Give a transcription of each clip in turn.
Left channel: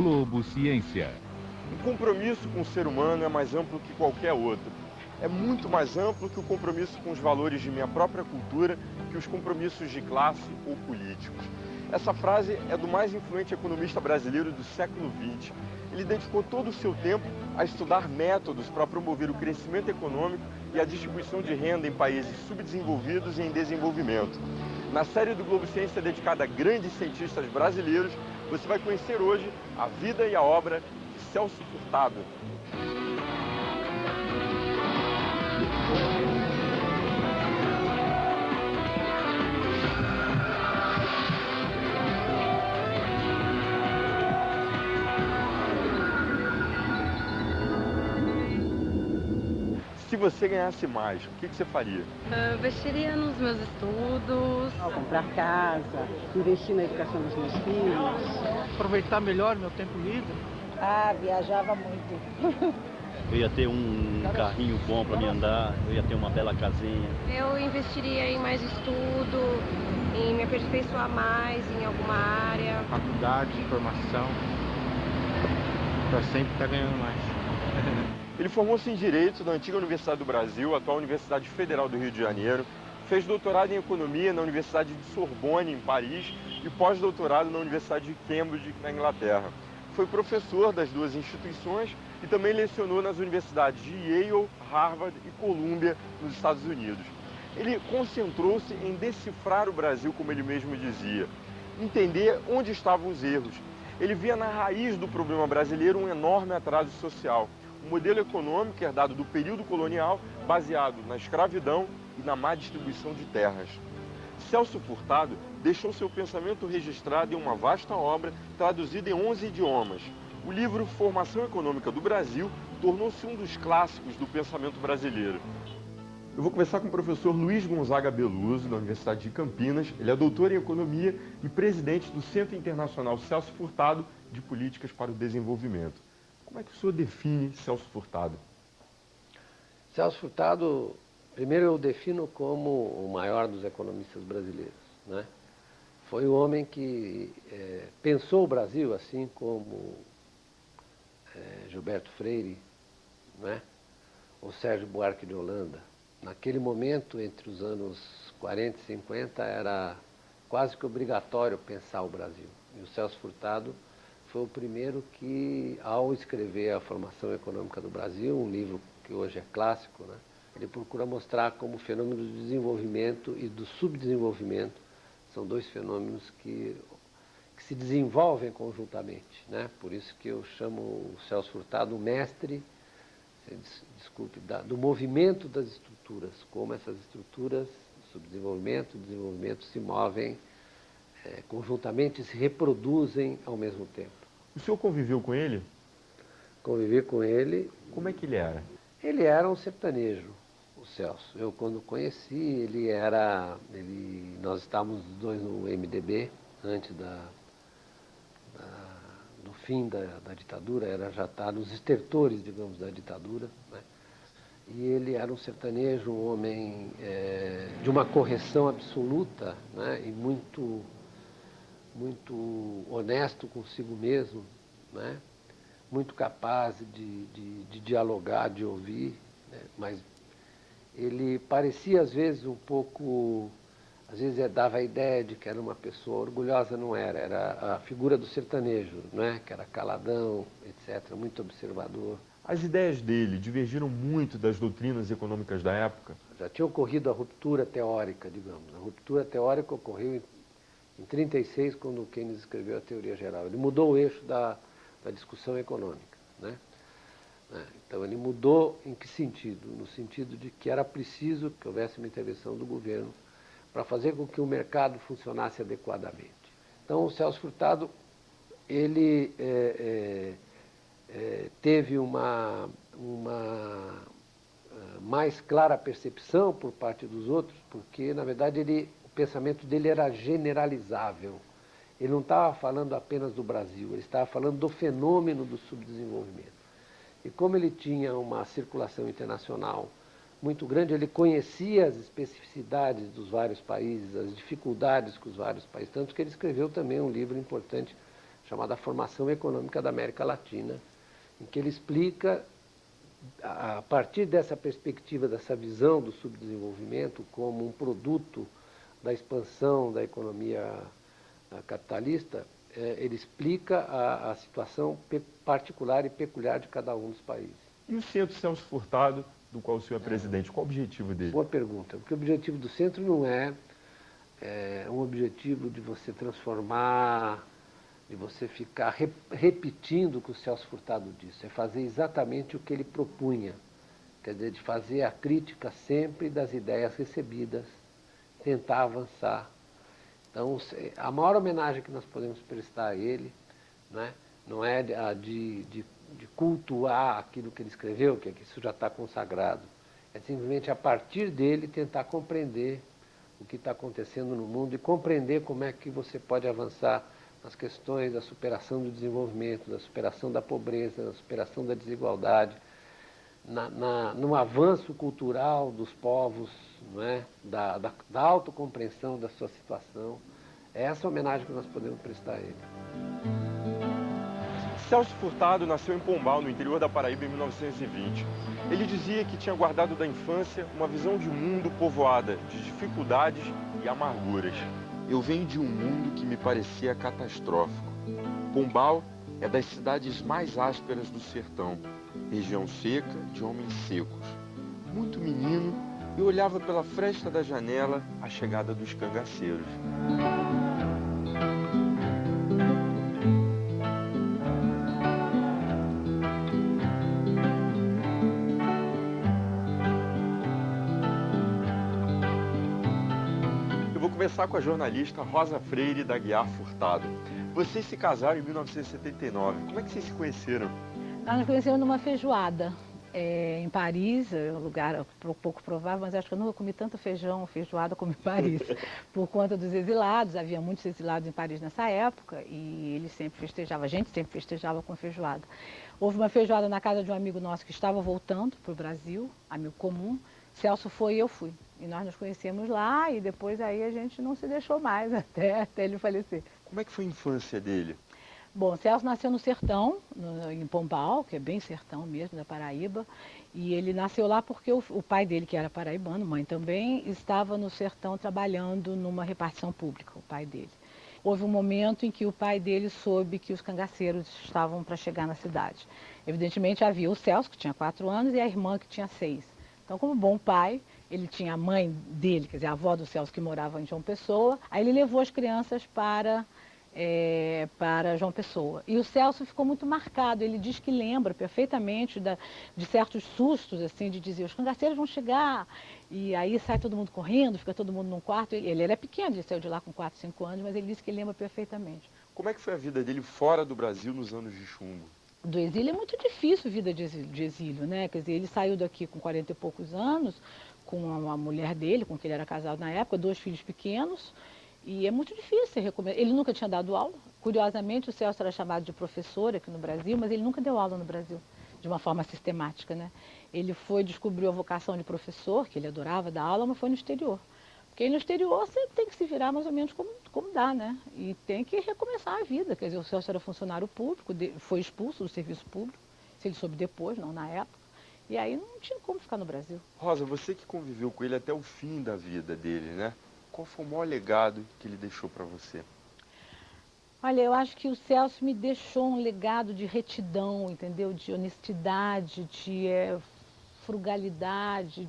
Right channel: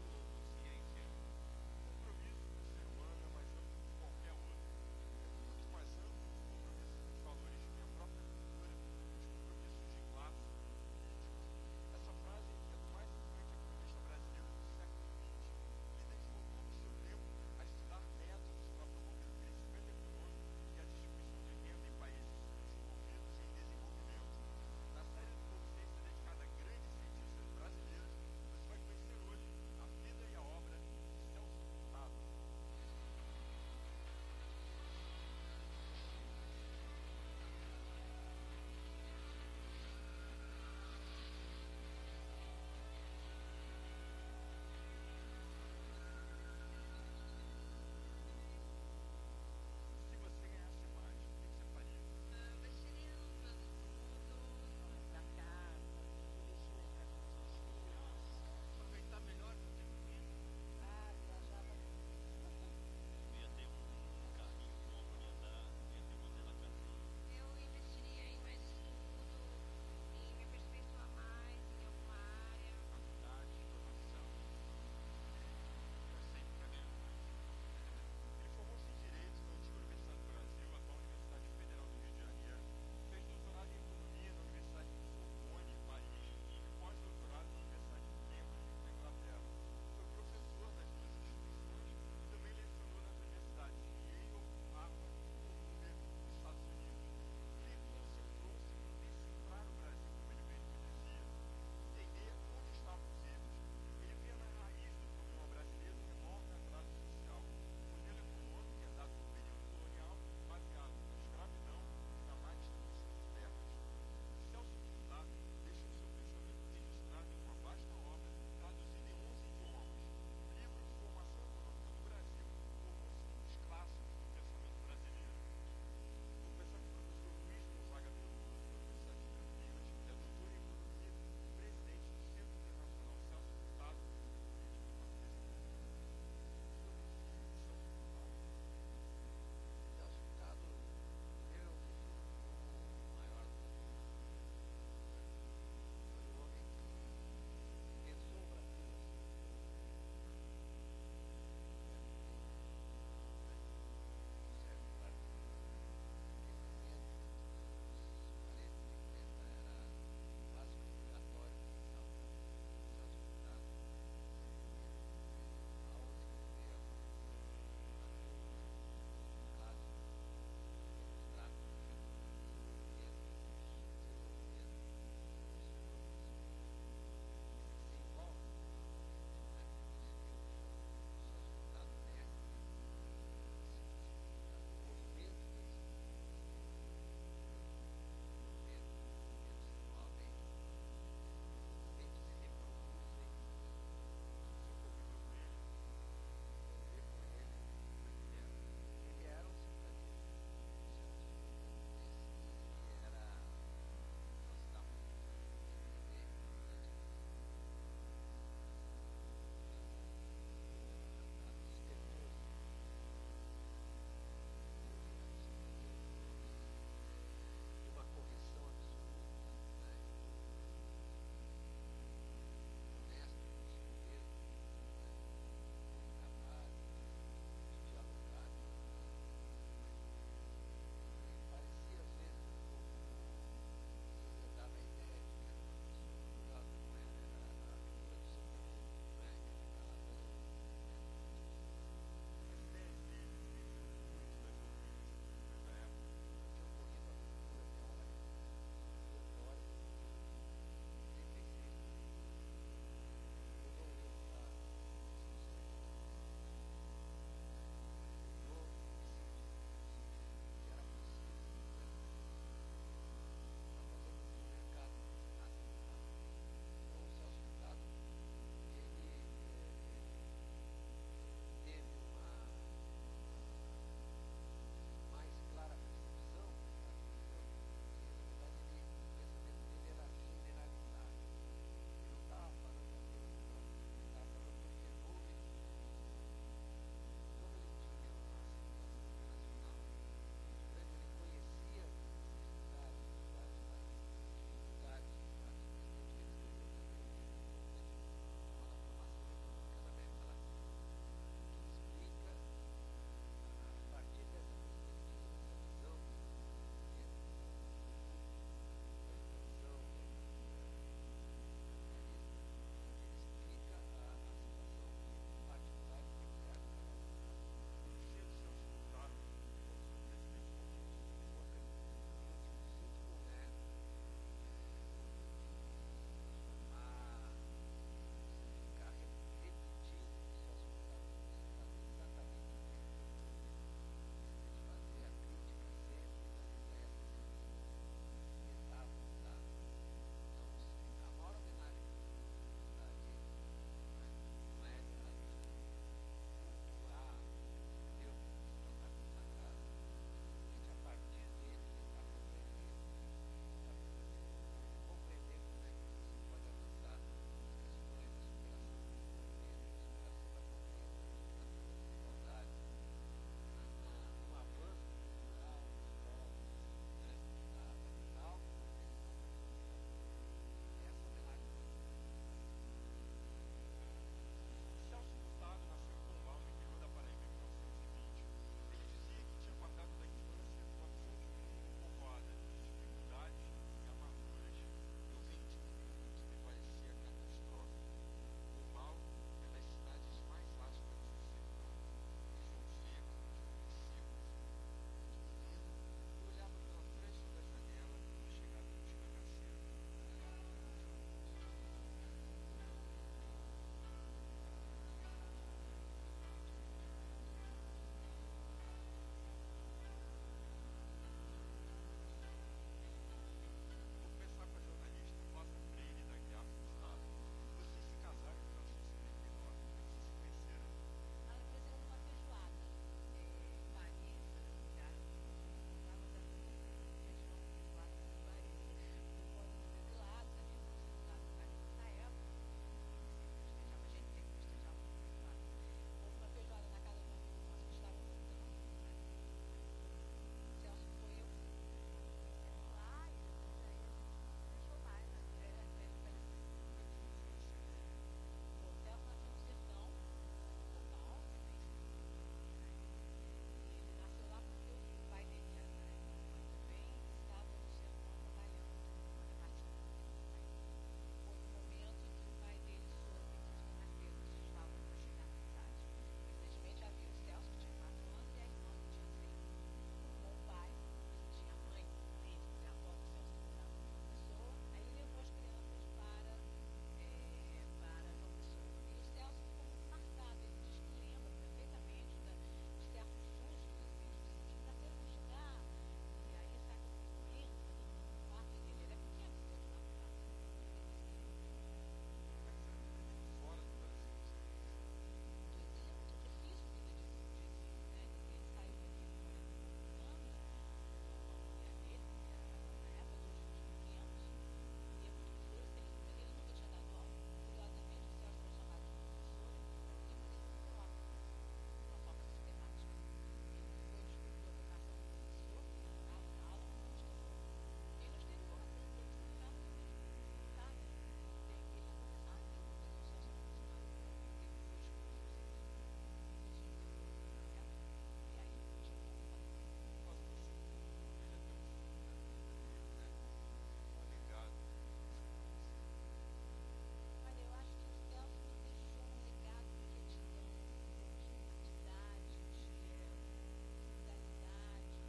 Globo Ciência. O compromisso com o ser humano é mais amplo que qualquer outro. É muito mais amplo que o compromisso com os valores de minha própria cultura, que os compromissos de classe ou políticos. Essa frase é do mais influente economista brasileiro do século XX. Ele dedicou todo o seu tempo a estudar métodos para promover o crescimento econômico e a distribuição de renda em países subdesenvolvidos e em desenvolvimento. Na série do Globo Ciência dedicada a grandes cientistas brasileiros, você vai conhecer hoje a vida e a obra de Celso Furtado. Se você ganhasse mais, o que você faria? Investiria nos meus estudos. Comprar casa, investir na educação dos meus filhos. Aproveitar melhor meu tempo livre. Viajava muito. Eu ia ter um carrinho bom para me andar, eu ia ter uma bela casinha. Eu investiria em mais estudo, em me aperfeiçoar mais em alguma área. Faculdade, formação, para sempre estar ganhando mais. Ele formou-se em Direito na antiga Universidade do Brasil, atual Universidade Federal do Rio de Janeiro, fez doutorado em Economia na Universidade de Sorbonne, em Paris, e pós-doutorado na Universidade de Cambridge, na Inglaterra. Foi professor das duas instituições e também lecionou nas universidades de Yale, Harvard e Columbia, nos Estados Unidos. Ele concentrou-se em decifrar o Brasil, como ele mesmo dizia, entender onde estavam os erros. Ele via na raiz do problema brasileiro um enorme atraso social. Um modelo econômico herdado do período colonial, baseado na escravidão e na má distribuição de terras. Celso Furtado deixou seu pensamento registrado em uma vasta obra traduzida em 11 idiomas. O livro Formação Econômica do Brasil tornou-se um dos clássicos do pensamento brasileiro. Eu vou conversar com o professor Luiz Gonzaga Beluso, da Universidade de Campinas. Ele é doutor em Economia e presidente do Centro Internacional Celso Furtado de Políticas para o Desenvolvimento. Como é que o senhor define Celso Furtado? Celso Furtado, primeiro eu defino como o maior dos economistas brasileiros, né? Foi o homem que pensou o Brasil, assim como Gilberto Freire, né? Ou Sérgio Buarque de Holanda. Naquele momento, entre os anos 40 e 50, era quase que obrigatório pensar o Brasil. E o Celso Furtado foi o primeiro que, ao escrever A Formação Econômica do Brasil, um livro que hoje é clássico, né, ele procura mostrar como o fenômeno do desenvolvimento e do subdesenvolvimento são dois fenômenos que se desenvolvem conjuntamente, né? Por isso que eu chamo o Celso Furtado o mestre, do movimento das estruturas, como essas estruturas, subdesenvolvimento, desenvolvimento, se movem conjuntamente e se reproduzem ao mesmo tempo. O senhor conviveu com ele? Convivi com ele. Como é que ele era? Ele era um sertanejo, o Celso. Eu, quando conheci, nós estávamos os dois no MDB, antes do fim da ditadura, já está nos estertores, digamos, da ditadura, né? E ele era um sertanejo, um homem de uma correção absoluta, né? E muito honesto consigo mesmo, né? Muito capaz de dialogar, de ouvir, né? Mas ele parecia às vezes um pouco, dava a ideia de que era uma pessoa orgulhosa, não era a figura do sertanejo, né? Que era caladão, etc., muito observador. As ideias dele divergiram muito das doutrinas econômicas da época? Já tinha ocorrido a ruptura teórica, digamos. A ruptura teórica ocorreu em 1936, quando Keynes escreveu a Teoria Geral. Ele mudou o eixo da discussão econômica, né? Então ele mudou em que sentido? No sentido de que era preciso que houvesse uma intervenção do governo para fazer com que o mercado funcionasse adequadamente. Então o Celso Furtado, ele teve uma mais clara percepção por parte dos outros, porque na verdade o pensamento dele era generalizável. Ele não estava falando apenas do Brasil, ele estava falando do fenômeno do subdesenvolvimento. E como ele tinha uma circulação internacional muito grande, ele conhecia as especificidades dos vários países, as dificuldades que os vários países, tanto que ele escreveu também um livro importante chamada Formação Econômica da América Latina, em que ele explica, a partir dessa perspectiva, dessa visão do subdesenvolvimento como um produto da expansão da economia capitalista, ele explica a situação particular e peculiar de cada um dos países. E o Centro Celso Furtado, do qual o senhor é presidente, qual o objetivo dele? Boa pergunta, porque o objetivo do centro não é um objetivo de você transformar, de você ficar repetindo o que o Celso Furtado disse, é fazer exatamente o que ele propunha, quer dizer, de fazer a crítica sempre das ideias recebidas, tentar avançar. Então, a maior homenagem que nós podemos prestar a ele, né, não é a de cultuar aquilo que ele escreveu, que isso já está consagrado, é simplesmente a partir dele tentar compreender o que está acontecendo no mundo e compreender como é que você pode avançar nas questões da superação do desenvolvimento, da superação da pobreza, da superação da desigualdade, no avanço cultural dos povos, não é? da autocompreensão da sua situação. É essa homenagem que nós podemos prestar a ele. Celso Furtado nasceu em Pombal, no interior da Paraíba, em 1920. Ele dizia que tinha guardado da infância uma visão de mundo povoada de dificuldades e amarguras. Eu venho de um mundo que me parecia catastrófico. Pombal é das cidades mais ásperas do sertão, região seca de homens secos. Muito menino, eu olhava pela fresta da janela a chegada dos cangaceiros. Começar com a jornalista Rosa Freire da Aguiar Furtado. Vocês se casaram em 1979. Como é que vocês se conheceram? Nós nos conhecemos numa feijoada em Paris, um lugar pouco provável, mas acho que eu nunca comi tanto feijoada como em Paris, por conta dos exilados. Havia muitos exilados em Paris nessa época e ele sempre festejava, a gente sempre festejava com feijoada. Houve uma feijoada na casa de um amigo nosso que estava voltando para o Brasil, amigo comum. Celso foi e eu fui. E nós nos conhecemos lá e depois aí a gente não se deixou mais até ele falecer. Como é que foi a infância dele? Bom, Celso nasceu no sertão, em Pombal, que é bem sertão mesmo, da Paraíba. E ele nasceu lá porque o pai dele, que era paraibano, mãe também, estava no sertão trabalhando numa repartição pública, o pai dele. Houve um momento em que o pai dele soube que os cangaceiros estavam para chegar na cidade. Evidentemente havia o Celso, que tinha 4 anos, e a irmã, que tinha 6. Então, como bom pai, ele tinha a mãe dele, quer dizer, a avó do Celso, que morava em João Pessoa. Aí ele levou as crianças para João Pessoa. E o Celso ficou muito marcado. Ele diz que lembra perfeitamente de certos sustos, assim, de dizer, os cangaceiros vão chegar. E aí sai todo mundo correndo, fica todo mundo num quarto. Ele era pequeno, ele saiu de lá com 4, 5 anos, mas ele disse que lembra perfeitamente. Como é que foi a vida dele fora do Brasil nos anos de chumbo? Do exílio é muito difícil a vida de exílio, né? Quer dizer, ele saiu daqui com 40 e poucos anos, com a mulher dele, com quem ele era casado na época, 2 filhos pequenos, e é muito difícil recomeçar. Ele nunca tinha dado aula. Curiosamente, o Celso era chamado de professor aqui no Brasil, mas ele nunca deu aula no Brasil, de uma forma sistemática, né? Ele descobriu a vocação de professor, que ele adorava dar aula, mas foi no exterior. Porque aí no exterior você tem que se virar mais ou menos como dá, né? E tem que recomeçar a vida. Quer dizer, o Celso era funcionário público, foi expulso do serviço público, se ele soube depois, não na época. E aí não tinha como ficar no Brasil. Rosa, você que conviveu com ele até o fim da vida dele, né? Qual foi o maior legado que ele deixou para você? Olha, eu acho que o Celso me deixou um legado de retidão, entendeu? De honestidade, de frugalidade,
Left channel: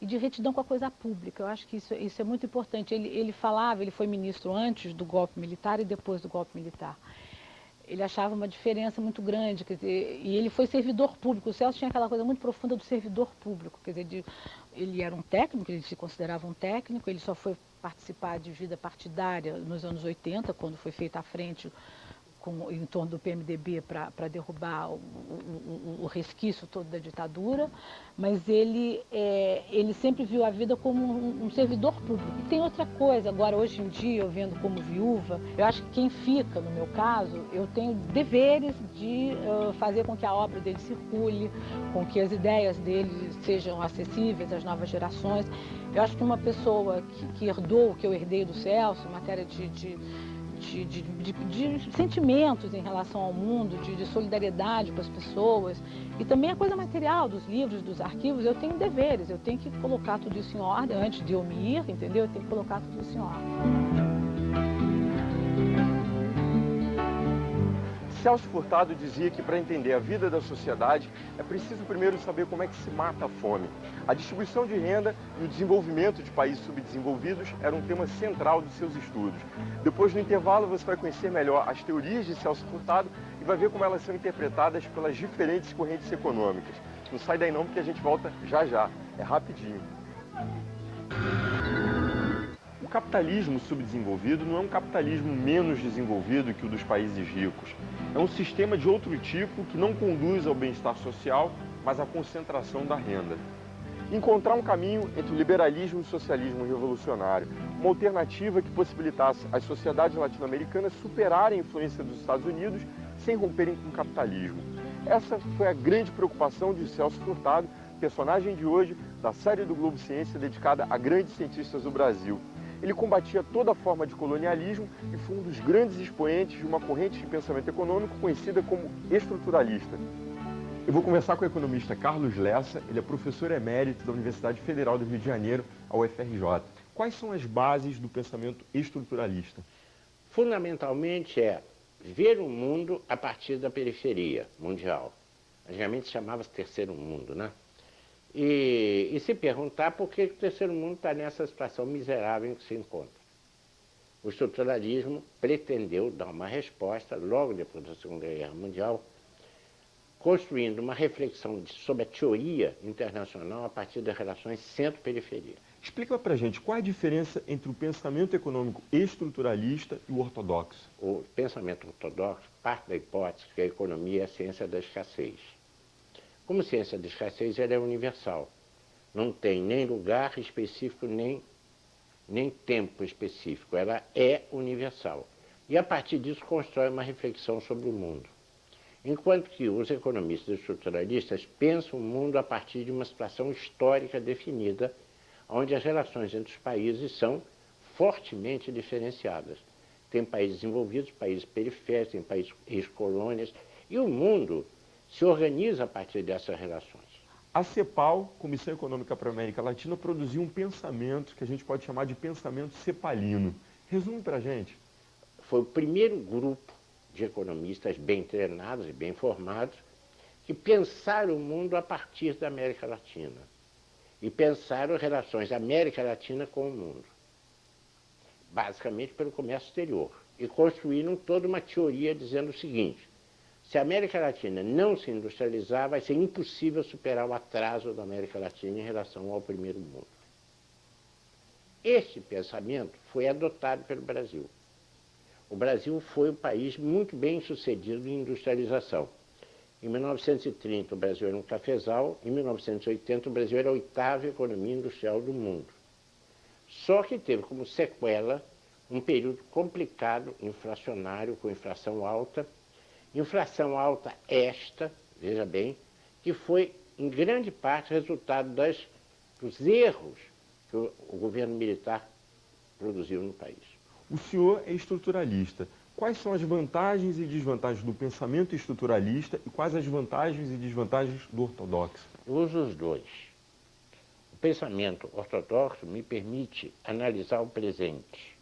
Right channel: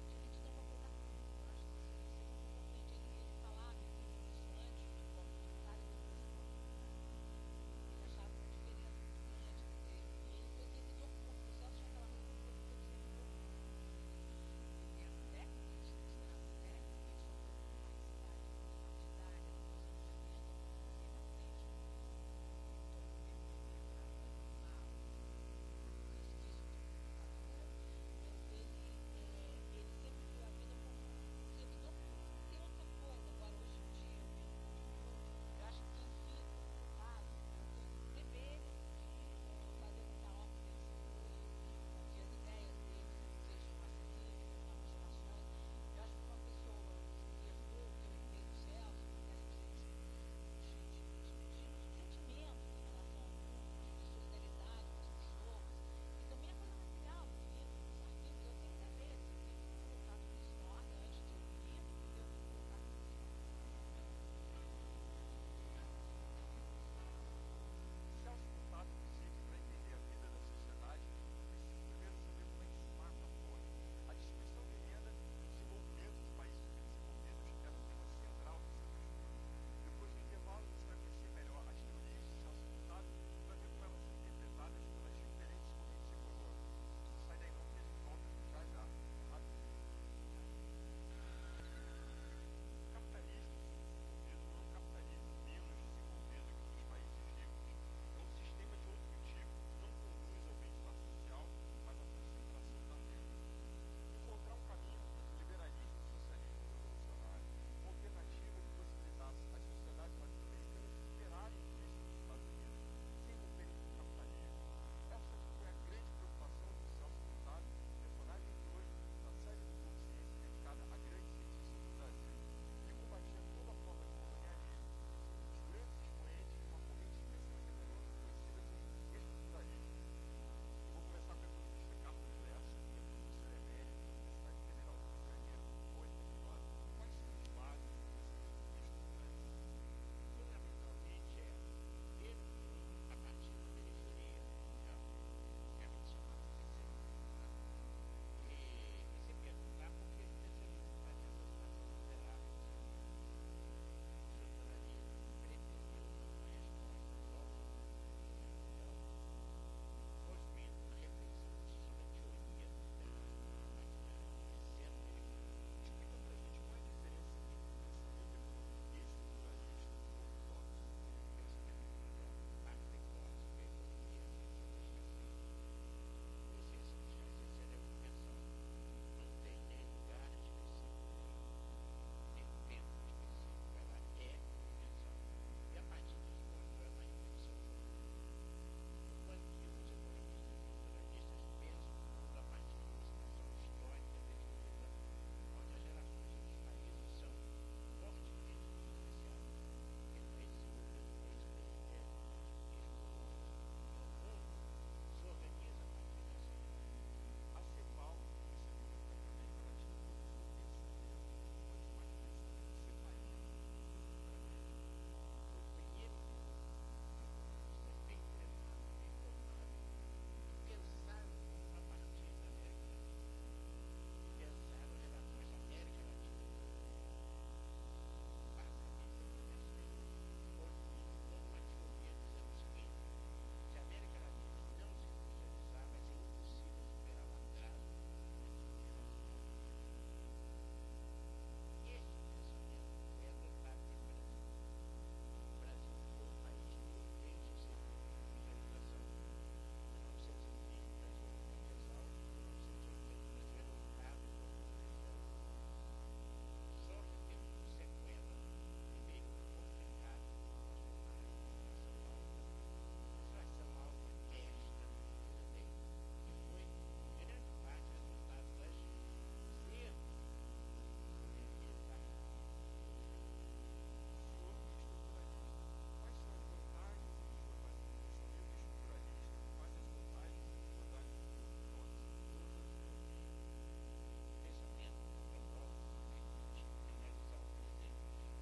e de retidão com a coisa pública. Eu acho que isso é muito importante. Ele falava, ele foi ministro antes do golpe militar e depois do golpe militar. Ele achava uma diferença muito grande, quer dizer, e ele foi servidor público. O Celso tinha aquela coisa muito profunda do servidor público, quer dizer, ele era um técnico, ele se considerava um técnico, ele só foi participar de vida partidária nos anos 80, quando foi feita a frente em torno do PMDB para derrubar o resquício todo da ditadura, mas ele sempre viu a vida como um servidor público. E tem outra coisa, agora hoje em dia, eu vendo como viúva, eu acho que quem fica, no meu caso, eu tenho deveres de fazer com que a obra dele circule, com que as ideias dele sejam acessíveis às novas gerações. Eu acho que uma pessoa que herdou o que eu herdei do Celso, em matéria de de sentimentos em relação ao mundo, de solidariedade com as pessoas, e também a coisa material dos livros, dos arquivos. Eu tenho deveres, eu tenho que colocar tudo isso em ordem antes de eu me ir, entendeu? Eu tenho que colocar tudo isso em ordem. Celso Furtado dizia que para entender a vida da sociedade é preciso primeiro saber como é que se mata a fome. A distribuição de renda e o desenvolvimento de países subdesenvolvidos era um tema central dos seus estudos. Depois, no intervalo, você vai conhecer melhor as teorias de Celso Furtado e vai ver como elas são interpretadas pelas diferentes correntes econômicas. Não sai daí não, porque a gente volta já já. É rapidinho. O capitalismo subdesenvolvido não é um capitalismo menos desenvolvido que o dos países ricos. É um sistema de outro tipo que não conduz ao bem-estar social, mas à concentração da renda. Encontrar um caminho entre o liberalismo e o socialismo revolucionário, uma alternativa que possibilitasse as sociedades latino-americanas superarem a influência dos Estados Unidos sem romperem com o capitalismo. Essa foi a grande preocupação de Celso Furtado, personagem de hoje da série do Globo Ciência dedicada a grandes cientistas do Brasil. Ele combatia toda forma de colonialismo e foi um dos grandes expoentes de uma corrente de pensamento econômico conhecida como estruturalista. Eu vou conversar com o economista Carlos Lessa, ele é professor emérito da Universidade Federal do Rio de Janeiro, a UFRJ. Quais são as bases do pensamento estruturalista? Fundamentalmente é ver o mundo a partir da periferia mundial. Antigamente chamava-se terceiro mundo, né? E se perguntar por que o terceiro mundo está nessa situação miserável em que se encontra. O estruturalismo pretendeu dar uma resposta, logo depois da Segunda Guerra Mundial, construindo uma reflexão sobre a teoria internacional a partir das relações centro-periferia. Explica pra gente qual é a diferença entre o pensamento econômico estruturalista e o ortodoxo. O pensamento ortodoxo parte da hipótese que a economia é a ciência da escassez. Como ciência da escassez, ela é universal. Não tem nem lugar específico, nem tempo específico. Ela é universal. E a partir disso constrói uma reflexão sobre o mundo. Enquanto que os economistas estruturalistas pensam o mundo a partir de uma situação histórica definida, onde as relações entre os países são fortemente diferenciadas. Tem países desenvolvidos, países periféricos, tem países ex-colônias, e o mundo se organiza a partir dessas relações. A CEPAL, Comissão Econômica para a América Latina, produziu um pensamento que a gente pode chamar de pensamento cepalino. Resume para a gente. Foi o primeiro grupo de economistas bem treinados e bem formados que pensaram o mundo a partir da América Latina e pensaram relações da América Latina com o mundo, basicamente pelo comércio exterior, e construíram toda uma teoria dizendo o seguinte: se a América Latina não se industrializar, vai ser impossível superar o atraso da América Latina em relação ao primeiro mundo. Este pensamento foi adotado pelo Brasil. O Brasil foi um país muito bem sucedido em industrialização. Em 1930 o Brasil era um cafezal, em 1980 o Brasil era a 8ª economia industrial do mundo. Só que teve como sequela um período complicado, inflacionário, com inflação alta esta, veja bem, que foi em grande parte resultado dos erros que o governo militar produziu no país. O senhor é estruturalista. Quais são as vantagens e desvantagens do pensamento estruturalista e quais as vantagens e desvantagens do ortodoxo? Eu uso os dois. O pensamento ortodoxo me permite analisar o presente.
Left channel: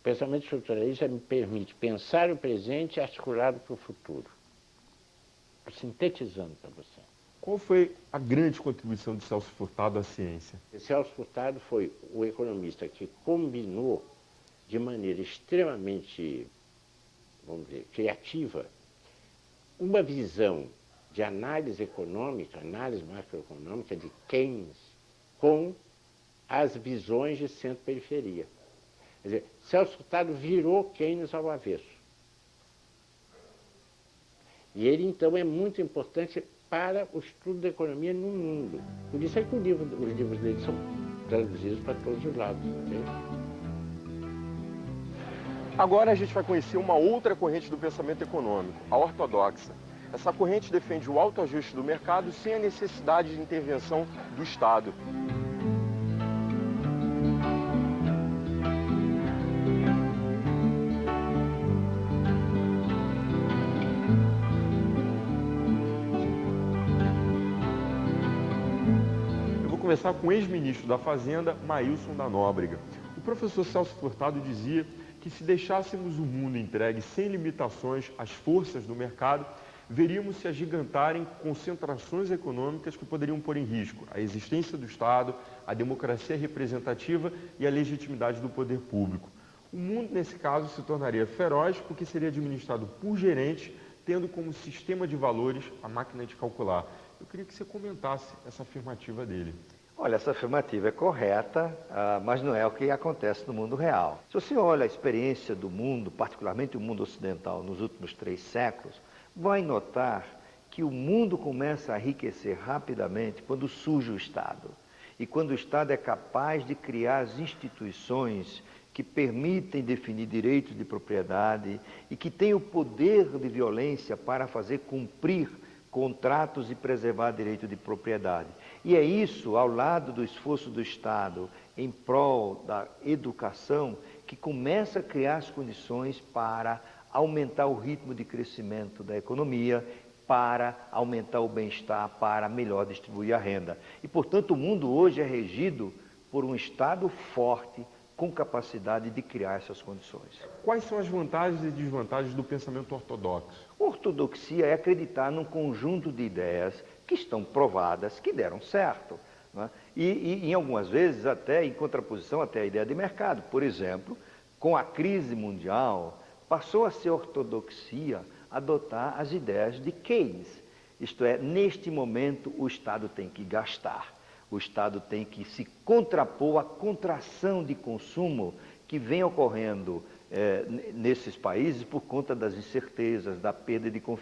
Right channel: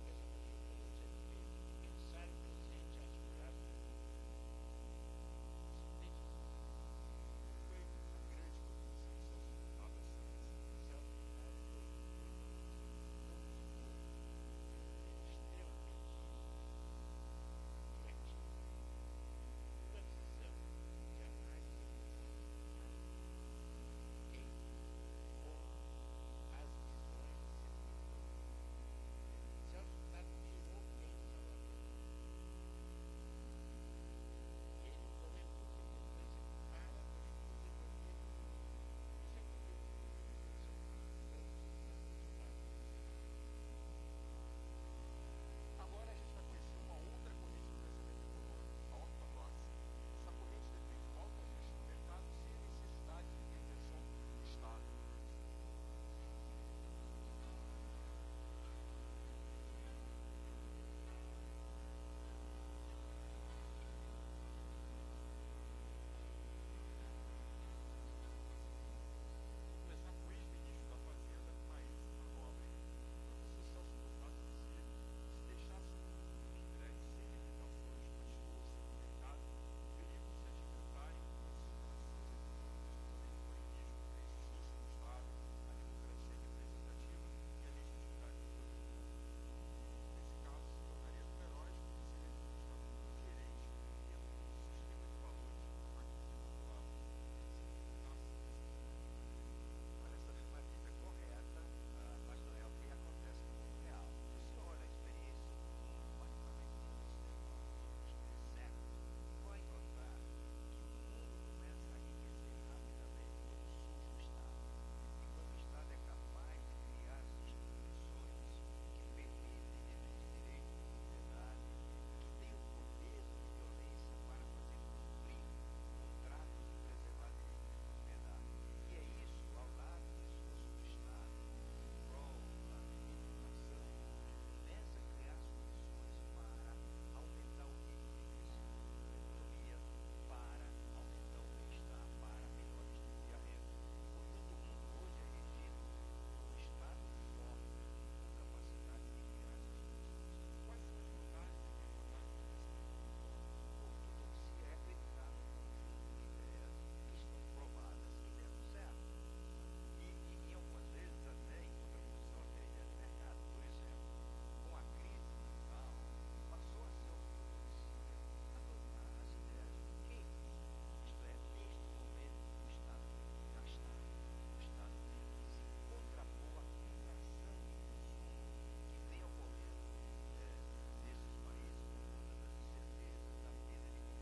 O pensamento estruturalista me permite pensar o presente articulado para o futuro. Sintetizando para você. Qual foi a grande contribuição de Celso Furtado à ciência? Celso Furtado foi o economista que combinou de maneira extremamente, vamos dizer, criativa, uma visão de análise econômica, análise macroeconômica de Keynes, com as visões de centro-periferia. Quer dizer, Celso Furtado virou Keynes ao avesso. E ele, então, é muito importante para o estudo da economia no mundo. Por isso é que os livros dele são traduzidos para todos os lados. Okay? Agora a gente vai conhecer uma outra corrente do pensamento econômico, a ortodoxa. Essa corrente defende o autoajuste do mercado sem a necessidade de intervenção do Estado. começar com o ex-ministro da Fazenda, Maílson da Nóbrega. O professor Celso Furtado dizia que se deixássemos o mundo entregue sem limitações às forças do mercado, veríamos se agigantarem concentrações econômicas que poderiam pôr em risco a existência do Estado, a democracia representativa e a legitimidade do poder público. O mundo, nesse caso, se tornaria feroz porque seria administrado por gerentes, tendo como sistema de valores a máquina de calcular. Eu queria que você comentasse essa afirmativa dele. Olha, essa afirmativa é correta, mas não é o que acontece no mundo real. Se você olha a experiência do mundo, particularmente o mundo ocidental, nos últimos 3 séculos, vai notar que o mundo começa a enriquecer rapidamente quando surge o Estado. E quando o Estado é capaz de criar as instituições que permitem definir direitos de propriedade e que tem o poder de violência para fazer cumprir contratos e preservar direito de propriedade. E é isso, ao lado do esforço do Estado em prol da educação, que começa a criar as condições para aumentar o ritmo de crescimento da economia, para aumentar o bem-estar, para melhor distribuir a renda. E, portanto, o mundo hoje é regido por um Estado forte, com capacidade de criar essas condições. Quais são as vantagens e desvantagens do pensamento ortodoxo? Ortodoxia é acreditar num conjunto de ideias que estão provadas, que deram certo, né? E em algumas vezes até em contraposição até à ideia de mercado. Por exemplo, com a crise mundial, passou a ser ortodoxia adotar as ideias de Keynes. Isto é, neste momento o Estado tem que gastar. O Estado tem que se contrapor à contração de consumo que vem ocorrendo nesses países por conta das incertezas, da perda de confiança.